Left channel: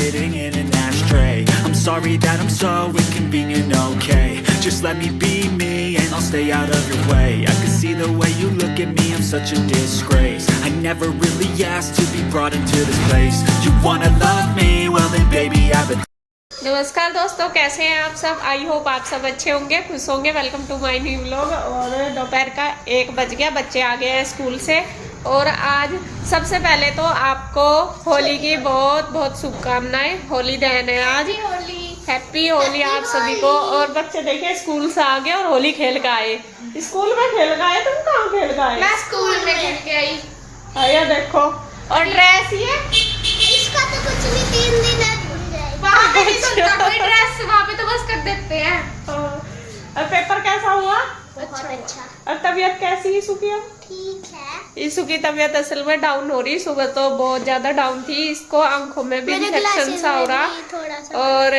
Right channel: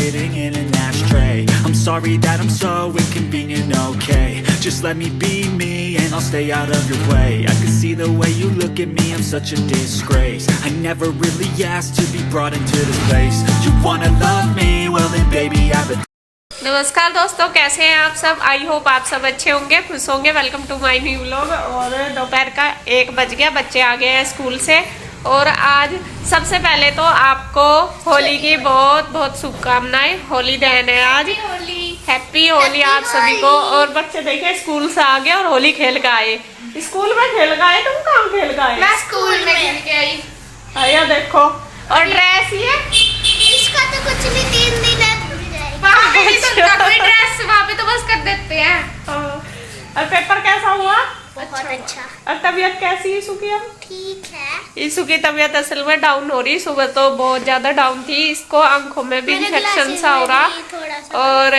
sitting in an ashtray. I'm sorry that I'm so inconvenient, okay? Just let me be me and I'll stay out of your way. I can see the way you look at me, I'm such a disgrace. I never really asked to be brought into this place. You wanna love me? Well then baby have a... नमस्कार दोस्तों, कैसे हैं आप सब। I hope आप सब अच्छे होंगे, खुश होंगे। Welcome to my new vlog. और दोपहर का 1 बज गया, बच्चे आ गए हैं स्कूल से। और आज सबसे पहले तो आपको होली की बहुत बहुत शुभकामनाएं। होली दहन है आज, हैप्पी होली आप सभी को। और बच्चे देखे स्कूल से आ गए और होली खेल के आए। स्कूल में खेल के आए, तुम कहाँ खेल के आए? मैं स्कूल में खेल के आई। आया देखो, और ड्रेस ये इसका तो कुछ नहीं, 3 दिन है वहाँ पे भी तो उनका कोई ड्रेस वहाँ पे तो बस कर देते हैं। और पेपर कैसा हुआ? बहुत अच्छा। और तबीयत कैसी है सुखी? ठीक है। ईशु की तबीयत असल में डाउन हो रही। सुबह तो बहुत ज्यादा डाउन थी। इसको आंखों में भी इन्फेक्शन सा हो रहा और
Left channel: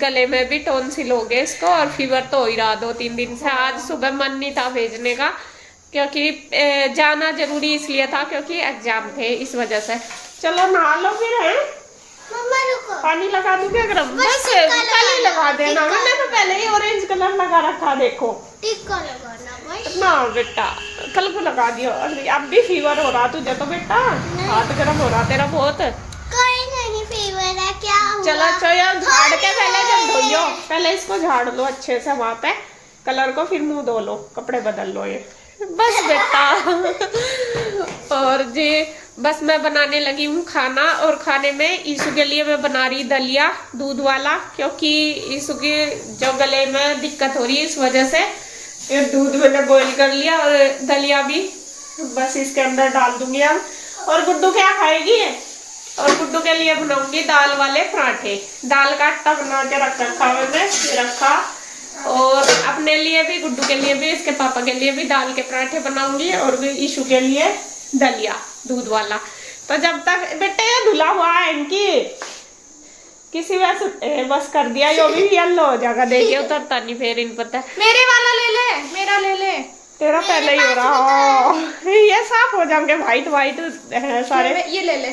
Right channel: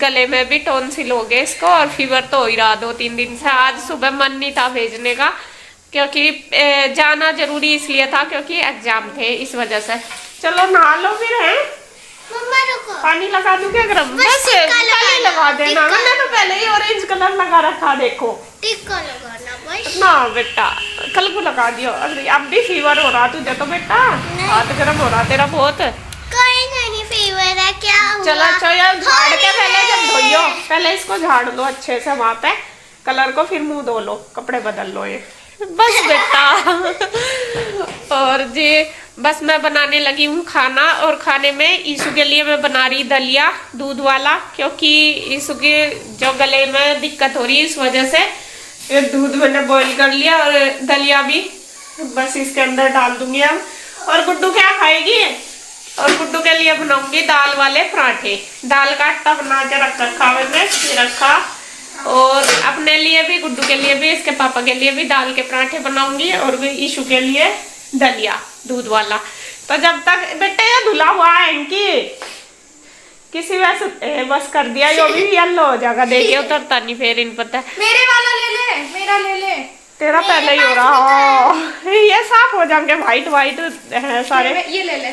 गले में भी टॉन्सिल हो गए इसको। और फीवर तो हो ही रहा 2-3 दिन से। आज सुबह मन नहीं था भेजने का, क्योंकि जाना जरूरी इसलिए था क्योंकि एग्जाम थे, इस वजह से। चलो नहा लो फिर। है पानी लगा दूं क्या गरम? बस कल लगा देना। मैंने तो पहले ही ऑरेंज कलर लगा रखा, देखो। टिक्का लगाना बस ना बेटा, कल को लगा दियो। अब भी फीवर हो रहा तुझे तो बेटा, हाथ गर्म हो रहा तेरा बहुत। कोई नहीं, फीवर है क्या हुआ? चलो अच्छा यार, झाड़ के पहले जब धोइयो, पहले इसको झाड़ लो अच्छे से वहां पे कलर को, फिर मुंह धो लो, कपड़े बदल लो ये बस बेटा। और जी बस मैं बनाने लगी हूँ खाना। और खाने में ईशु के लिए मैं बना रही दलिया दूध वाला, क्योंकि ईशु के जो गले में दिक्कत हो रही है, इस वजह से ये दूध मैंने बॉईल कर लिया। और दलिया भी बस इसके अंदर डाल दूंगी अब। और गुड्डू क्या खाएगी? और गुड्डू के लिए बनाऊंगी दाल वाले पराठे। दाल का आटा बना के रखा मैंने, ये रखा। और अपने लिए भी, गुड्डू के लिए भी, इसके पापा के लिए भी दाल के पराठे बनाऊंगी। और ईशु के लिए दलिया दूध वाला। तो जब तक बेटे ये धुला हुआ है इनकी किसी वैसे बस कर दिया, यो भी येलो हो जाएगा। देखिए उतरता नहीं फिर इन पता है। मेरे वाला ले ले, मेरा ले ले। तेरा पहले ही हो रहा। ये साफ हो जाएंगे, व्हाइट व्हाइट है सारे। ये ले ले।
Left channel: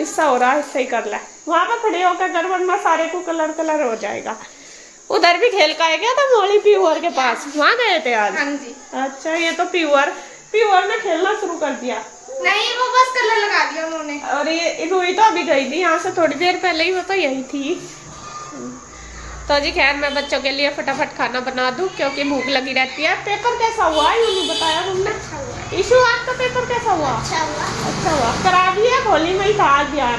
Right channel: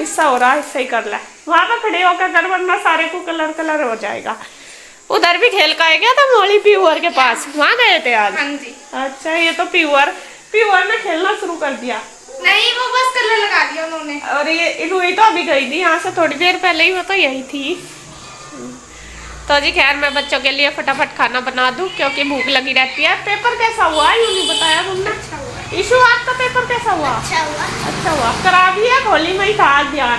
इससा हो रहा, इससे ही कर ले। वहां पे खड़े होकर कर, वरना सारे को कलर कलर हो जाएगा। उधर भी खेल का गया था मोली प्यूअर के पास, वहाँ गए थे आज? हाँ जी। अच्छा, ये तो प्यूअर में खेलना शुरू कर दिया। नहीं, वो बस कलर लगा दिया उन्होंने। और ये रूही तो अभी गई थी यहाँ से थोड़ी देर पहले ही, वो तो यही थी। तो जी खैर मैं बच्चों के लिए फटाफट खाना बना दूं, क्योंकि भूख लगी रहती है। पेपर कैसा हुआ यूँ नहीं बताया तुमने? अच्छा हुआ। ईशु आज का पेपर कैसा हुआ? अच्छा हुआ। अच्छा हुआ। करा भी है, होली में ही था ध्यान।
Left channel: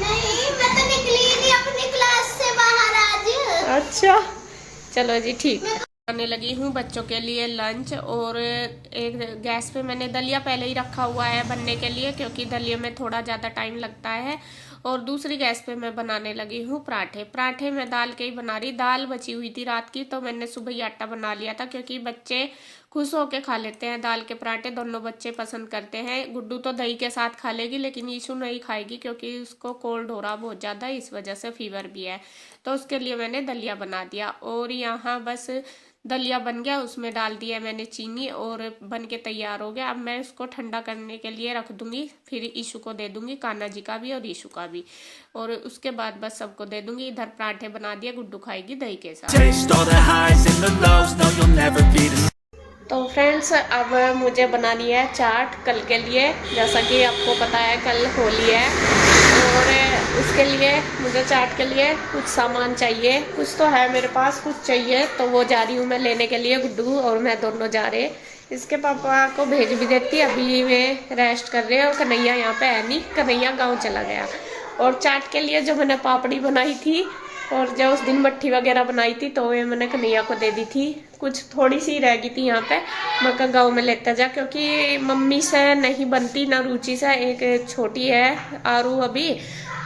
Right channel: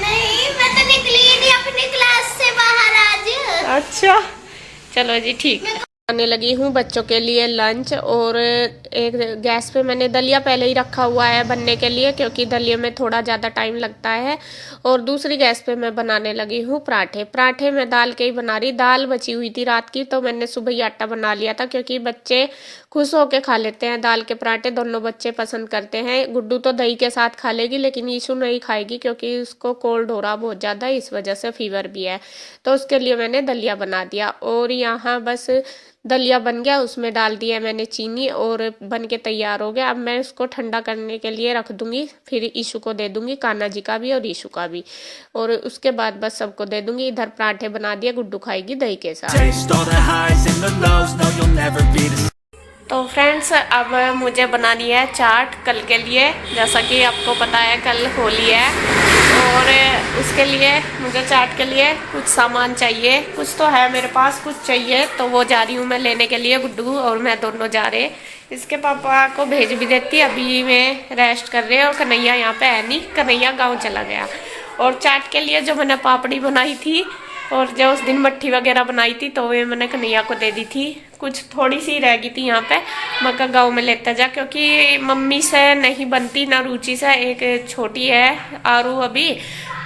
नहीं, मैं तो निकली ही नहीं अपनी क्लास से बाहर आज। अच्छा चलो जी ठीक है। बनाने लगी हूँ बच्चों के लिए लंच। और एक गैस पे मैंने दलिया पहले ही रखा हुआ है बनने के लिए, क्योंकि दलिया में थोड़ा ज़्यादा टाइम लगता है। और दूसरी गैस पे मैं बनाने लगी हूँ पराठे। पराठे मैं दाल के ही बना रही। दाल बची हुई थी रात की, तो मैंने सुबह ही आटा बना लिया था, क्योंकि बच्चे खुश होके खा लेते हैं दाल के पराठे। दोनों बच्चे पसंद करते हैं। गुड्डू तो दही के साथ खा लेगी, लेकिन ईशु नहीं खाएगी, क्योंकि उसको कोल्ड हो रहा बहुत ज़्यादा, इस वजह से फीवर भी है। तो उसके लिए मैंने दलिया बना दिया। और यहाँ बस दलिया बन गया, उसमें डाल दिया मैंने चीनी और बन के तैयार हो गया। अब मैं उसको ठंडा करने के लिए रख दूंगी, फिर ईशु को दे दूंगी, कान्हा जी का भी और ईशु का भी। और उसके बाद बस सबको दे दूंगी। इधर पराठे बना दिए, गुड्डू खाएगी दही के साथ। तो फ्रेंड्स अब मुझे बनानी है चाट कल के लिए। जैसा कि आपको पता है कल होली है, और उसके लिए मुझे चाट के लिए कुछ सामान चाहिए। कुछ तो है मेरे पास, कुछ चाहिए, तो वो जा रही हूँ मैं लेने के लिए। गुड्डू और मैं दोनों जा रहे। इसके पापा को भेज भी देती, अभी मैं रेस्ट कर रहे हैं। और कन्हैया यहाँ पे है नहीं, कन्हैया गाँव चला गया। और चाट के लिए जो मैंने पापड़ी बनाई थी और जो उस दिन मट्ठी वगैरह बनाई थी, तो वे मैंने कन्हैया को दे दी थी। कुछ थोड़ी सी रह गई थी यहाँ पे, मैं कहा गाँव में लेता जा, क्योंकि मम्मी से नहीं बनती ना रुचि से। एक छोटी है आरू अभी,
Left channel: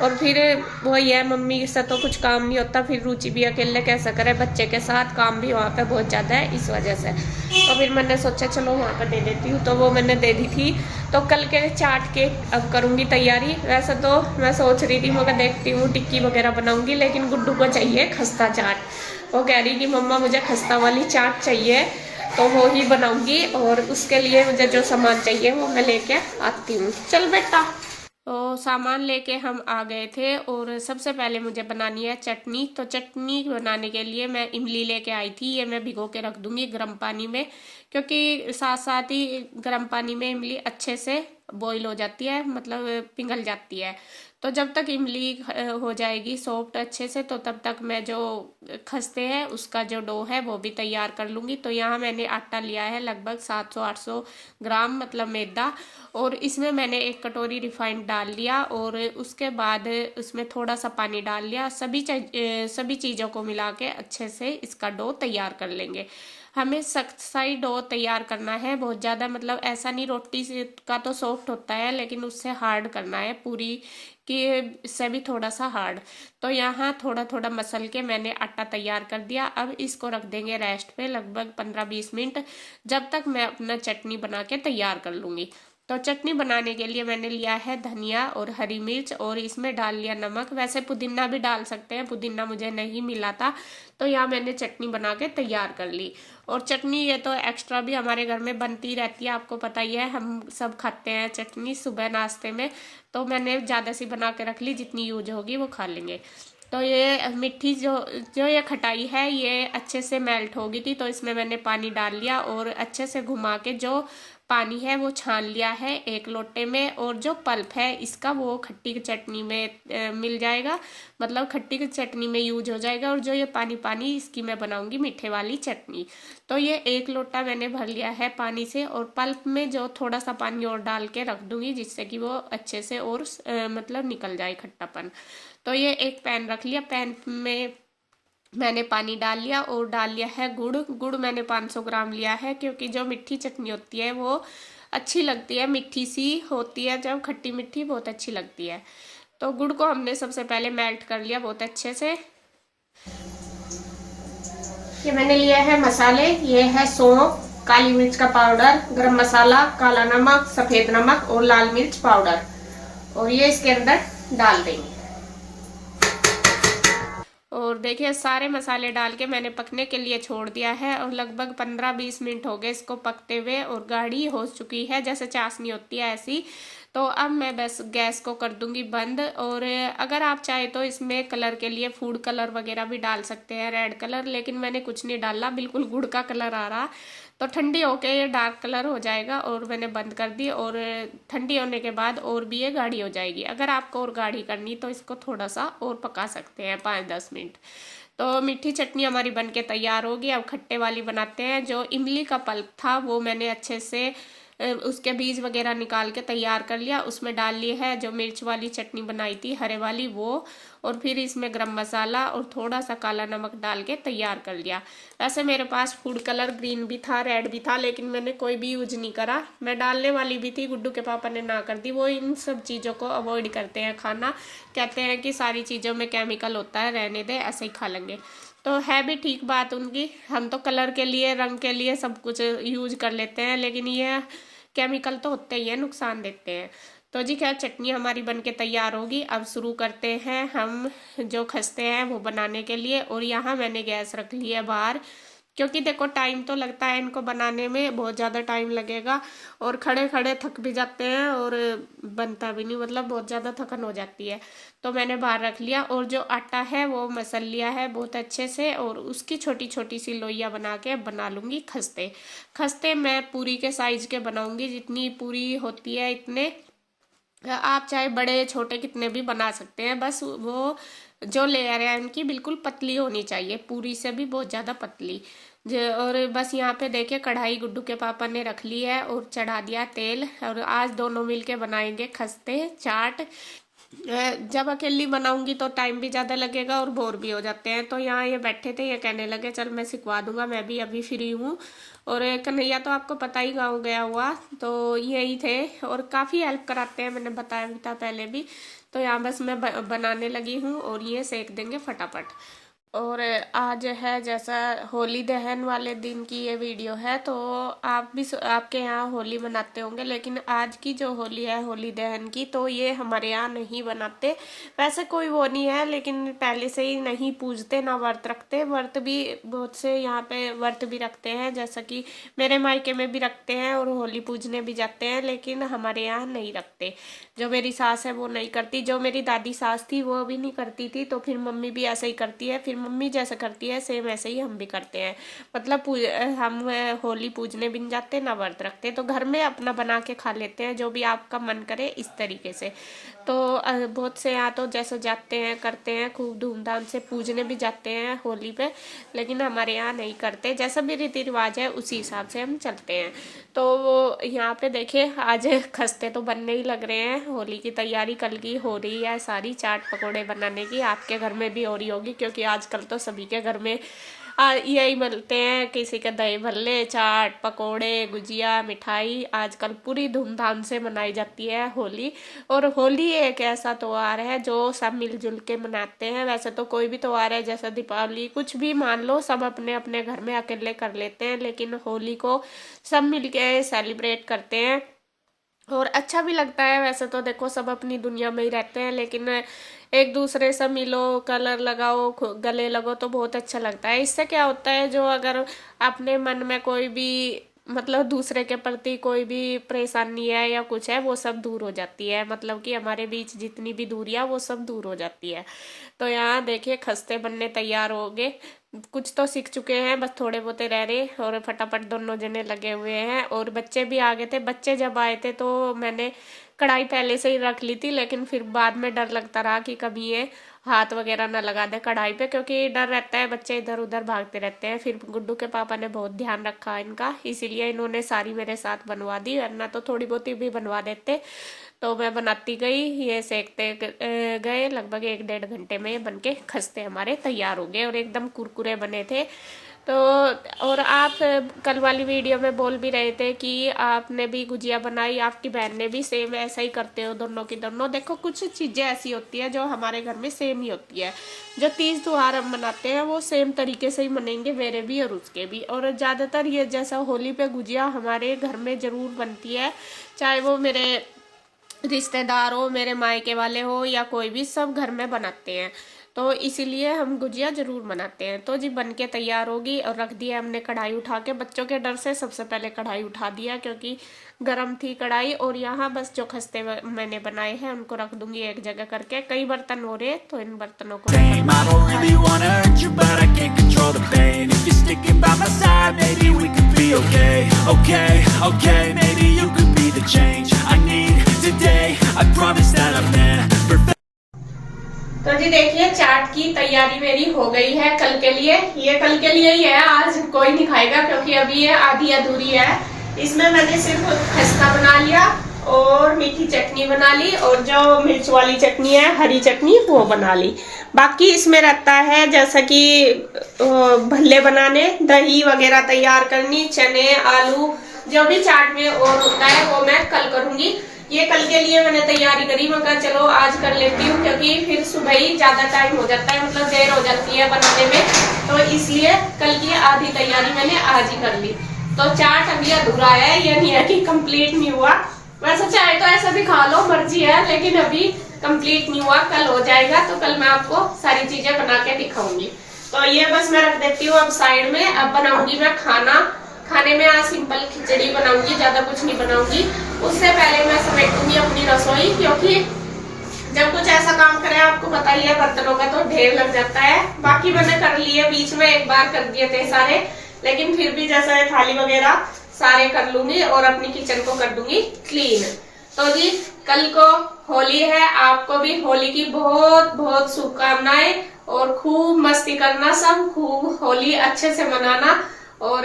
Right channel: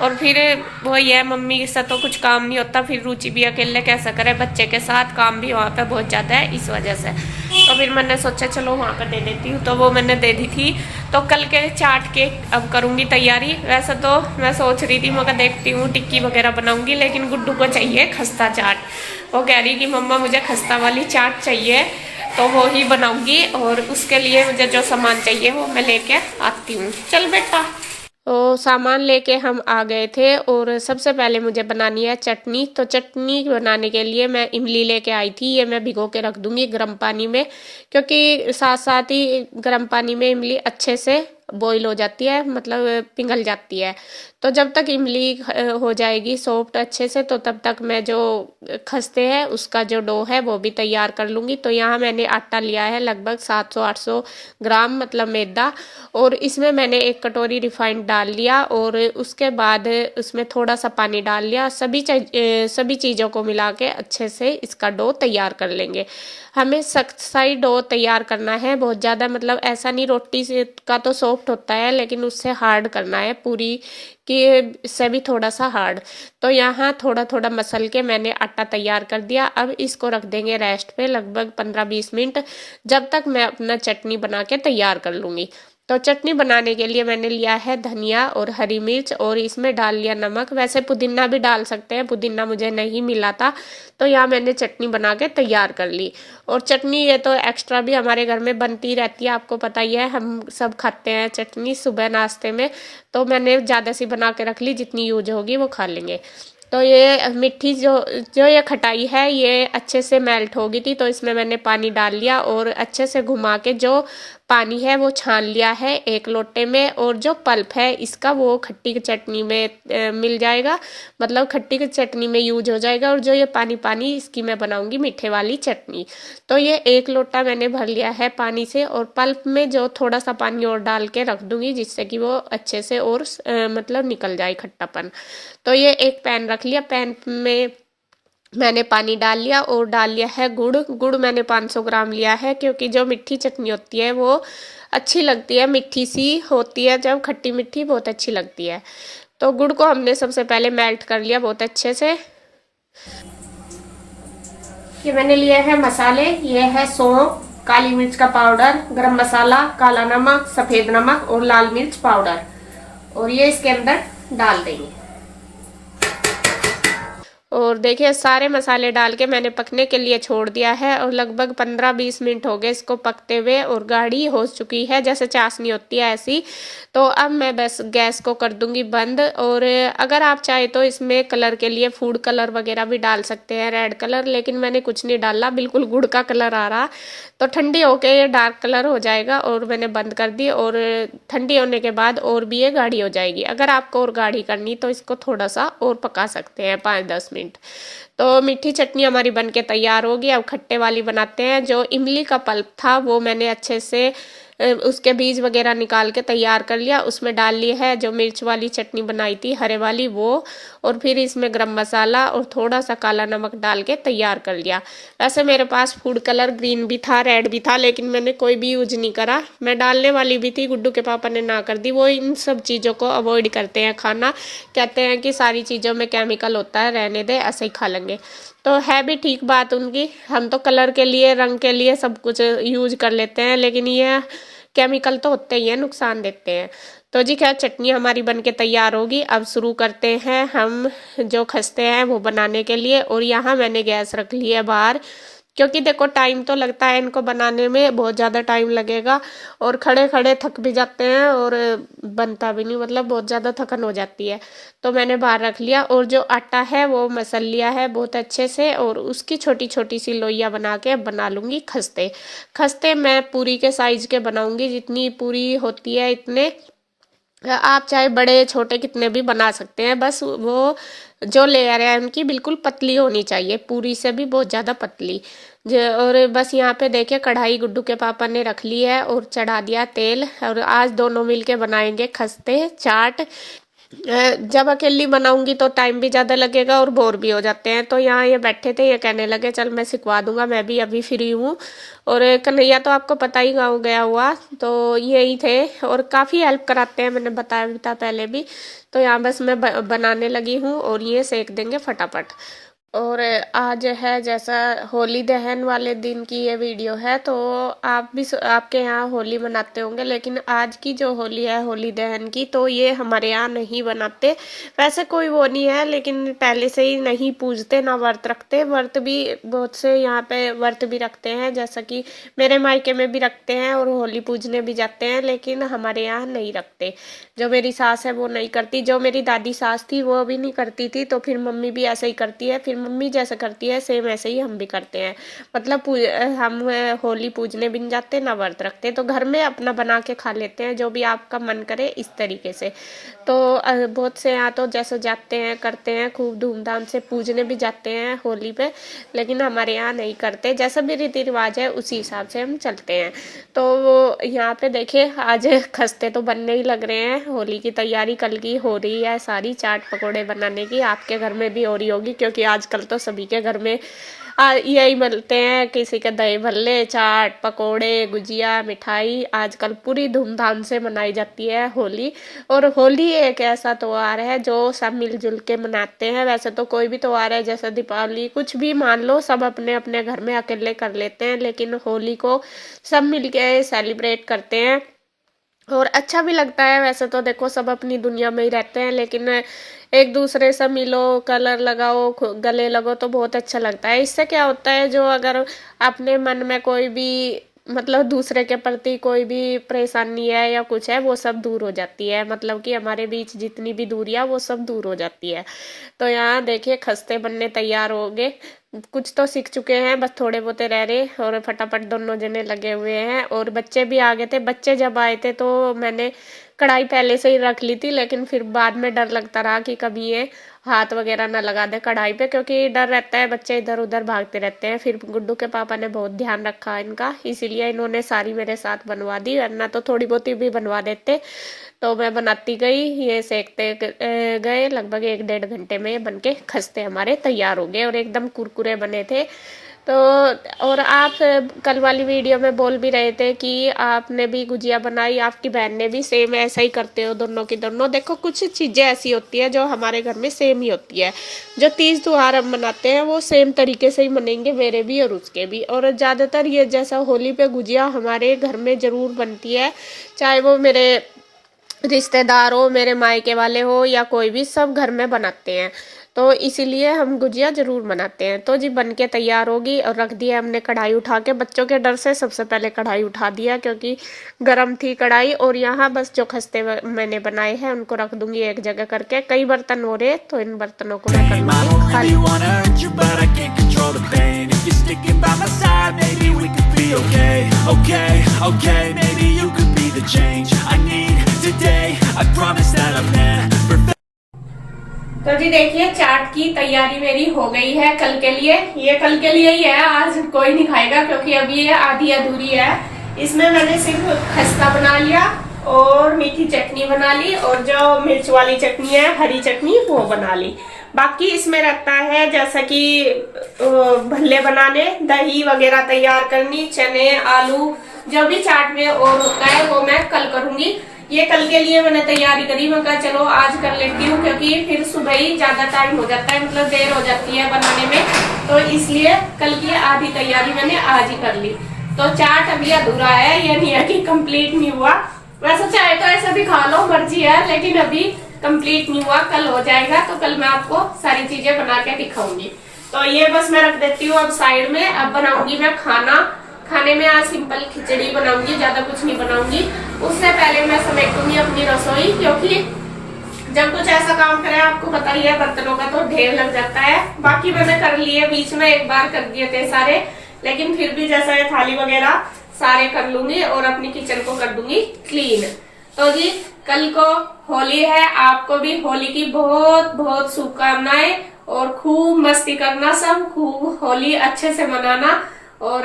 और फिर वही है, मम्मी से तो कुछ काम नहीं होता। फिर रुचि भी अकेले कैसा करे बच्चे के साथ, काम भी वहाँ पे बहुत ज़्यादा है, इस वजह से। तो फिर मैंने सोचा चलो वहाँ पे दे देती हूँ, तो वो मैंने दे दी थी। तो कल के चाट के अब करूँगी तैयारी। वैसे तो मैं सोच रही थी, मगर देखती हूँ टिक्की वगैरह बनाऊँगी, लेकिन गुड्डू को चाहिए खस्ता चाट। वो कह रही कि मम्मा मुझे खस्ता वाली चाट चाहिए, तो वो ही बनाऊँगी। और उसके लिए मुझे जो सामान चाहिए वो मैं लेके आती हूँ। चल बेटा। तो सामान लेके हम आ गए थे और सबसे पहले मुझे बनानी है चटनी। तो चटनी बनाने के लिए मैं इमली लेके आई थी, ये मैं भिगो के रख दूंगी गर्म पानी में, क्योंकि साथ साथ ही गर्म पानी में इमली अच्छे से बॉईल हो जाती है, मतलब पिघल जाती है। तो जब तक इमली हो जाएगी सॉफ्ट अच्छे से, तो तब तक मैं जो खस्ते हैं उसका जो डो है वो भी तैयार कर लूँगी। तो यहाँ मैंने आटा लिया है लगभग 700-800 ग्राम, मतलब मैदा, और इसमें मैंने 1 कटोरी रिफाइंड डाल लिया और उसके बाद उसमें थोड़ा सा पानी डाल लिया। सभी चीज़ों को मिला के अच्छे से इसका डो तैयार कर लेंगे। हमें सख्त सा ही डो तैयार करना है, बहुत ज़्यादा मतलब ऐसा नहीं, रोटी से का तो सॉफ्ट होता है लेकिन उससे हार्ड करना है, पूरी कि से भी थोड़ा सा हार्ड। तो यहाँ थोड़ा थोड़ा मसल के मैंने आटा तैयार कर दिया। अब इसको रख देंगे रेस्ट पे लगभग 15-20 मिनट, जब तक मैं अपना चटनी बना के तैयार कर लूँगी। तो चटनी बनाने के लिए मैंने लिया है धनिया और हरी मिर्च और इसमें डाल लिया नमक। वैसे पुदीना भी डाल सकते हैं, पुदीना मुझे नहीं मिला था, तो यहाँ मैंने चटनी बना के तैयार कर ली। और चटनी ये तो एक्स्ट्रा भी हमारे घर में बनती रहती है, आपको पता ही है, हम सब खाते हैं चटनी सुबह नाश्ते में। तो मैंने ज़्यादा सी बना के रख ली, जितनी यूज होगी वो खा लेंगे। तो ये मिट्टी जो जो ये खटाई है ये अच्छे से मेल्ट हो गई थी, तो इसमें मैंने पानी डाल लिया और अच्छे से घुमा के जो पानी है वो छान लिया है 1 लोटे में। और जो पल्प है इसका वो खट्टी की चटनी में मिल जाएगा, मतलब खट्टी की चटनी में यूज हो जाएगा। और जो ये पानी पानी इसकी मैं बनाऊंगी मीठे वाली चटनी। तो ये 1 लोटा मैंने भर लिया है पानी से, और पल्प में जो थोड़ा सा पानी और डाल के रख दूंगी, जिससे कि वो अच्छे से और मतलब निकल जाए खट्टापन। तो ये एक पैन रख लिया, पैन में मैंने पानी डाल लिया और डाल लिया है गुड़ मैंने 500 ग्राम लिया है, क्योंकि जो मीठी चटनी होती है वो अच्छी लगती है, मीठी सी होती है, जब खट्टी मीठी बहुत अच्छी लगती है। तो गुड़ को हमने सबसे पहले मेल्ट कर लिया बहुत अच्छे से। ये मैंने लिए है मसाले, ये है सौंफ, काली मिर्च का पाउडर, गरम मसाला, काला नमक, सफेद नमक और लाल मिर्च पाउडर, और ये इसके अंदर डाल देंगे। और देखिए सारे मसाले डाल के मैंने पकने के लिए छोड़ दिया है, और लगभग 15-20 मिनट हो गए इसको पकते हुए, और गाढ़ी हो चुकी है, जैसे चाशनी होती है ऐसी। तो अब मैं बस गैस को कर दूंगी बंद। और अगर आप चाहे तो इसमें कलर के लिए फूड कलर वगैरह भी डाल सकते हैं, रेड कलर, लेकिन मैंने कुछ नहीं डाला, बिल्कुल गुड़ का कलर आ रहा। तो ठंडी होके ये डार्क कलर हो जाएगा, और मैंने बंद कर दी। और ठंडी होने के बाद और भी ये गाढ़ी हो जाएगी। अगर आपको और गाढ़ी करनी तो इसको थोड़ा सा और पका सकते हैं 5-10 मिनट। तो मीठी चटनी हमारी बनके तैयार होगी। अब खट्टे वाली बनाते हैं। जो इमली का पल्प था वो मैंने अच्छे से उसके बीज वगैरह निकाल के तैयार कर लिया, उसमें डाल ली है जो मिर्च वाली चटनी बनाई थी हरे वाली वो, और फिर इसमें गरम मसाला और थोड़ा सा काला नमक डाल के तैयार कर लिया। वैसे मेरे पास फूड कलर ग्रीन भी था, रेड भी था, लेकिन मैंने कोई भी यूज नहीं करा। मैं डालने वाली भी थी, गुड्डू के पापा ने ना कर दी। वो इन सब चीज़ों को अवॉइड करते हैं खाना, कहते हैं कि सारी चीज़ों में केमिकल होता है, रहने दे, ऐसे ही खा लेंगे। तो है भी ठीक बात उनकी। हम तो कलर के लिए, रंग के लिए सब कुछ यूज कर लेते हैं, लेकिन ये केमिकल तो होते ही हैं, नुकसान देते हैं। तो जी खैर चटनी हमारी बनके तैयार होगी। अब शुरू करते हैं हम जो खस्ते हैं वो बनाने के लिए। और यहाँ मैंने गैस रख ली है बाहर, क्योंकि देखो टाइम तो लगता है इनको बनाने में, बहुत ज़्यादा टाइम लगेगा, और खड़े खड़े थक भी जाते हैं और बनता भी नहीं, मतलब बहुत ज़्यादा थकन हो जाती है। तो मैंने बाहर रख लिया, और जो आटा है वो मसल लिया है बहुत अच्छे से, और उसकी छोटी छोटी सी लोइयाँ बना के अब बना लूँगी खस्ते। खस्ते मैं पूरी के साइज के बनाऊँगी, जितनी पूरी होती है इतने, आप चाहे बड़े छोटे कितने भी बना सकते हैं। बस वो जो लेयर है उनकी बिल्कुल पतली होनी चाहिए, पूरी से भी बहुत ज़्यादा पतली। और बस यहाँ पे देखिए कढ़ाई गुड्डू के पापा ने रख ली है और चढ़ा दिया तेल, और आज दोनों मिलके बनाएंगे खस्ते चाट। जब अकेली बनाऊंगी तो टाइम भी ज़्यादा लगेगा और बोर भी हो जाते हैं। तो यहाँ ये बैठे थे, ये कहने लगे चल मैं सिखवा दूंगा, मैं भी अभी फ्री हूँ। और कन्हैया तो आपको पता ही, गाँव गया हुआ, तो यही थे और काफ़ी हेल्प कराते हैं, मैंने बताया भी था पहले भी। तो यहाँ बस मैं बनाने लगी हूँ और ये सेक देंगे फटाफट। और आज है जैसा होली दहन वाले दिन की ये वीडियो है, तो आप भी आपके यहाँ होली मनाते होंगे, लेकिन आज की जो होली है होली दहन की, तो ये हमारे यहाँ नहीं बनाते। वैसे कोई वो नहीं है, लेकिन पहले से ही नहीं पूजते ना व्रत रखते। व्रत भी बहुत से यहाँ पे व्रत भी रखते हैं, जैसा कि मेरे मायके में भी रखते हैं और होली पूजने भी जाते हैं, लेकिन हमारे यहाँ नहीं रखते। जो मेरी सास है वो नहीं करती, जो मेरी दादी सास थी वो भी नहीं करती थी, तो फिर मम्मी भी ऐसा ही करती है। फिर मम्मी जैसा करती है सेम ऐसे ही हम भी करते हैं। मतलब हम होली पूजने भी नहीं जाते ना व्रत रखते, तो घर में अपना बना के खा लेते हैं, जो भी आपका मन करे इस तरीके से। तो बहुत से यहाँ तो जैसे जाते हैं करते हैं, खूब धूमधाम से पूजने भी जाते हैं होली पे, लेकिन हमारे यहाँ नहीं करते। जैसा भी रीति रिवाज है उसी हिसाब से हम चलते हैं। तो वो यहाँ पे देखिए आज खस्ते तो बनने ही लग रहे हैं। होली की तैयारी कल की हो रही है सारी, चाट पकोड़े बनाने की। आपके घर में भी हो रही होगी, क्योंकि आजकल तो सभी के घर में यही मिलते हैं। किसी के दही भल्ले, चाट पकोड़े, गुजिया, मिठाई आजकल पूरी धूमधाम से मनाई जाती है होली। और होली एक ऐसा त्योहार है जो सब मिलजुल के मनाते हैं। वैसे तो कोई भी त्योहार है जैसे दीपावली कुछ भी मान लो, सब अपने अपने घर में अकेले कर लेते हैं, लेकिन होली को सब मिलके सेलिब्रेट करते हैं और अच्छा भी लगता है। वैसे तो देखो सब अपनी दुनिया में ही रहते हैं, लेकिन एक दूसरे से मिलो, कलर लगाओ, गले लगो तो बहुत अच्छा लगता है। इससे क्या होता है, जो अगर अपने मन में कोई भी मतलब दूसरे के प्रति कोई भी परेशानी है या कुछ है, वो सब दूर हो जाती है। मतलब कि हमारे बीच जितनी भी दूरियां वो सब दूर हो जाती है। तो यहाँ देखिए खस्ते बनने तैयार हो गए, कुछ तो सीख चुके हैं, बस थोड़े बहुते रह रहे और फटाफट दोनों जने लगे हुए हैं। और बच्चे भी आ गए थे। बच्चे जब आए थे तो मैंने कढ़ाई पहले से ही रख ली थी, लेकिन फिर बाद में डर लगता रहा कि कभी ये हाथ वगैरह ना लगा दे कढ़ाई पे, क्योंकि डर रहता है, बच्चे इधर उधर भागते रहते हैं। फिर गुड्डू के पापा ने बहुत ध्यान रखा इनका, इसीलिए इन्होंने सारी मेरे साथ बनवा दी, वरना तो थोड़ी बहुत भी बनवा देते। तो मैं बनाती गई, ये सेकते गए, लगभग 1-1.5 घंटे में ये बनके खस्ते हमारे तैयार हो गए और एकदम कुरकुरे बने थे। तो और आप कल वाली वीडियो में बोल भी रहे थे कि आपने भी गुजिया बनाई, आपकी बहन ने भी, सेम ऐसा ही करते हो दोनों की दोनों। देखो कुछ चीज़ें ऐसी होती है जो हमारे घर में सेम ही होती है। जो तीज त्योहार हम मनाते हैं वो सेम तरीके से ही मनेंगे, मेरे भी और उसके भी। और ज़्यादातर ये जैसा होली पे गुजिया हमारे घर में ज़रूर बनती है, चाहे वो मेरे रिश्तेदार हो, मेरे मायके वाले हो या कोई भी, सब घर में बनाते हैं। तो इसीलिए हम गुजिया जरूर बनाते हैं। तो जी बन के तैयार होगी और रख दिया हमने कढ़ाई उठा के। बच्चों के डर से सबसे पहले कढ़ाई उठा दिया, क्योंकि गर्म थी कढ़ाई। और यहाँ बस जो खस्ते मैंने बनाए हैं उनको रख दूंगी एक जगह करके। कई बर्तन हो रहे, तो इन बर्तनों को तो जी देखिए चाट की तैयारी मेरी हो गई है कल के लिए। ये कल के लिए ही है, आज कोई नहीं खाएगा, क्योंकि अभी ये आधी अधूरी है। इसमें मैंने सिर्फ खस्ता बना लिया और मीठी चटनी बना ली, और जो मिर्च वाली चटनी है हरी चटनी वो बना ली। बाकी इसमें रहता है जैसा कि भल्ले बनाने, दही वगैरह तैयार करनी, चने, आलू, जो भी चाट में और होता है वो मैं कल करूंगी। ये कल के लिए मैंने तैयारी करी, मैं कहा चलो आज कर लेती हूँ, क्योंकि फिर सुबह ही ज्यादा टाइम हो जाता है, मतलब देर हो जाती है बनाने में। तो इसलिए कल की आधी तैयारी मैंने आज ही कर ली। तो चाट अभी अधूरा है, ये नहीं है कि कंप्लीट नहीं हुआ। वैसे चाहे तो ऐसा भी खा लो, मर्जी है, लेकिन अभी कंप्लीट नहीं हुआ, कल हो जाएगा। तो कल मैं आपको सारी चीजें बना के दिखाऊंगी। तो ये बस मैं रख देती हूँ अब साइड में। अब बनाऊंगी मैं खाना। खाने में आज सिंपल खिचड़ी बनाऊंगी, ज्यादा कुछ नहीं बनाऊंगी। उससे पहले मैं समेटूंगी अपनी रसोई, क्योंकि जब कुछ ऐसा काम करें, आपको पता ही है बर्तनों का तो ढेर लग जाता है। बाकी मैंने कर लिए, बीच में एक बार कर दिए थे सारे, लेकिन फिर भी जैसा थाली वगैरह सारे कर लूंगी और अपनी किचन को कर दूंगी क्लीन। तो जी कल को होली है, आपको भी होली की बहुत बहुत शुभकामनाएं, और खूब मस्ती करना, सब खूब होली अच्छे से मनाना। और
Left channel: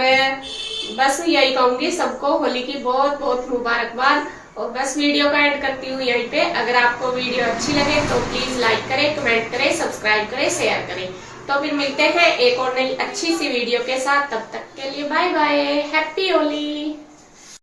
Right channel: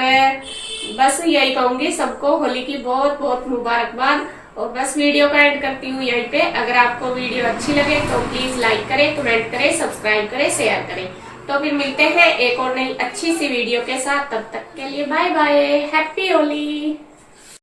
बस यही कहूंगी सबको, होली की बहुत बहुत मुबारकबाद। और बस वीडियो का एंड करती हूँ यहीं पे। अगर आपको वीडियो अच्छी लगे तो प्लीज लाइक करें, कमेंट करें, सब्सक्राइब करें, शेयर करें। तो फिर मिलते हैं एक और नई अच्छी सी वीडियो के साथ। तब तक के लिए बाय बाय, हैप्पी होली।